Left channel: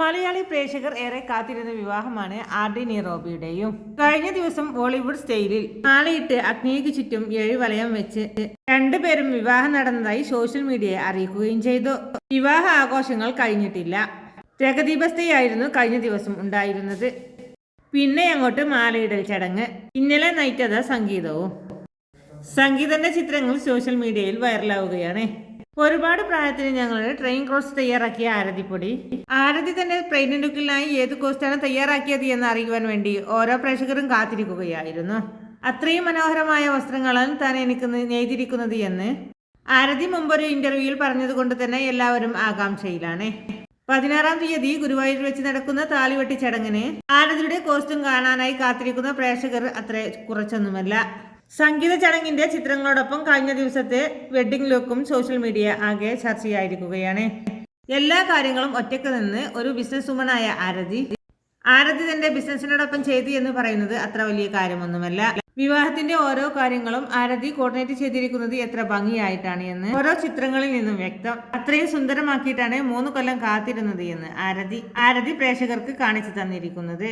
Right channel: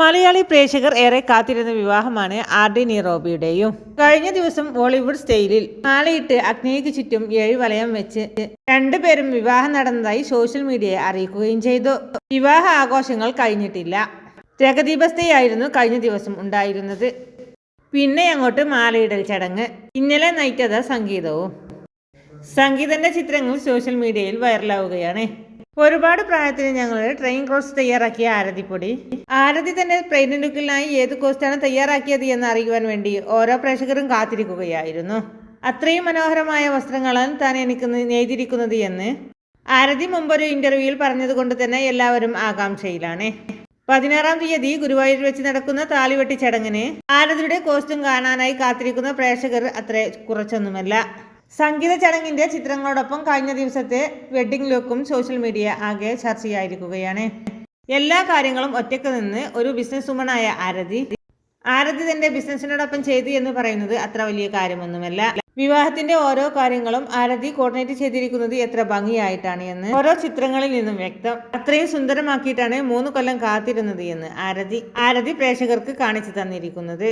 മലയാളി പ്രേക്ഷകർ ഏറെ കാത്തിരുന്ന വിവാഹമാണ് ആർ ഡി നീറോബിയുടെയും. കഴിഞ്ഞ ദിവസം ബോളിവുഡ് സ്റ്റൈലിൽ മാലയിട്ട് അഗ്നിക്ക് ചുറ്റും ഏഴ് വലയം വെച്ച് രണ്ടുപേരും വിവാഹം നടന്നതായി സോഷ്യൽ മീഡിയയെ അറിയിക്കുകയും ചെയ്തു. വിവാഹ ആഘോഷങ്ങൾ കഴിഞ്ഞിട്ടില്ല. രഗദീപസ്ഥയായിരുന്നു കഴിഞ്ഞ ദിവസം ഉണ്ടായിരുന്നത്. പിന്നെ അങ്ങോട്ട് മാലയിടൽ ചടങ്ങ് ഇന്നലെ നയിക്കഥ സംഗീതവും. സംഗീതന്റെ ചിത്രങ്ങൾ സോഷ്യൽ മീഡിയയിൽ വൈറലാവുകയാണ്. ഒരുപാട് പ്രായത്തിന് ഞങ്ങൾ ട്രെയിൻ ക്രോസ് തയ്യാറാക്കിയ ആരതിപ്പൊടി. ആരതി തന്നെ ട്രെയിൻ ലുക്കിനായി ഏത് കോസ്റ്റാണ് തയ്യാറാക്കിയത് എന്ന് അറിയുവാൻ വേണ്ടി ഓരോ പ്രേക്ഷകരും കാത്തിരിക്കുകയായിരുന്നു. അത്രയും മനോഹരമായ വസ്ത്രങ്ങളാണ് താൻ എനിക്ക് നെയ്തിരിക്കുന്നത് എന്ന് ആരതി മുമ്പൊരു ഇന്റർവ്യൂവിൽ പറഞ്ഞതുകൊണ്ട് തന്നെ എല്ലാവരും ആകാംക്ഷയിലാണ്. പതിനാറാം തീയതി ഗുരുവായൂർ വെച്ച് നടക്കുന്ന താലിവെട്ടി ചടങ്ങിന് ആരതിയുടെ കോസ്റ്റ്യൂം കാണാനായി കാത്തിരിക്കുന്ന പ്രേക്ഷകർ അത്ര കുറച്ചൊന്നുമല്ല. സംഗീത ചടങ്ങിന്റെ ചിത്രങ്ങളോടൊപ്പം കഴിഞ്ഞ ദിവസത്തെ വെഡ്ഡിംഗ് ലുക്കും സോഷ്യൽ മീഡിയ ആകെ ചർച്ചയായിരിക്കുകയാണ്. എല്ലാ കാര്യങ്ങളും ഒറ്റയ്ക്ക് നിന്ന് ഒരു ബിസിനസ് വുമണായ ആരതി ആരതി തന്റെ ബിസിനസ്സിനോടൊപ്പം ചെയ്തു എന്ന് പറയുന്നത് അത്ര വലിയ കാര്യമൊന്നുമല്ല. വിവാഹത്തിന്റെ ഓരോ കാര്യങ്ങളും ആരതി കോർഡിനേറ്റ് ചെയ്തിരിക്കുന്നത് എത്ര ഭംഗിയായിട്ടാണ് എന്ന് ഓരോ ചിത്രങ്ങളിൽ നിന്നും വ്യക്തം. അത്രയും സുന്ദരമാക്കിയിട്ടാണ് മൂന്ന് കൊല്ലം കാത്തിരുന്നത് എന്ന് ആരതി ആരതി പ്രേക്ഷകർക്ക് കാണിച്ചു തന്നിരിക്കുന്നത്.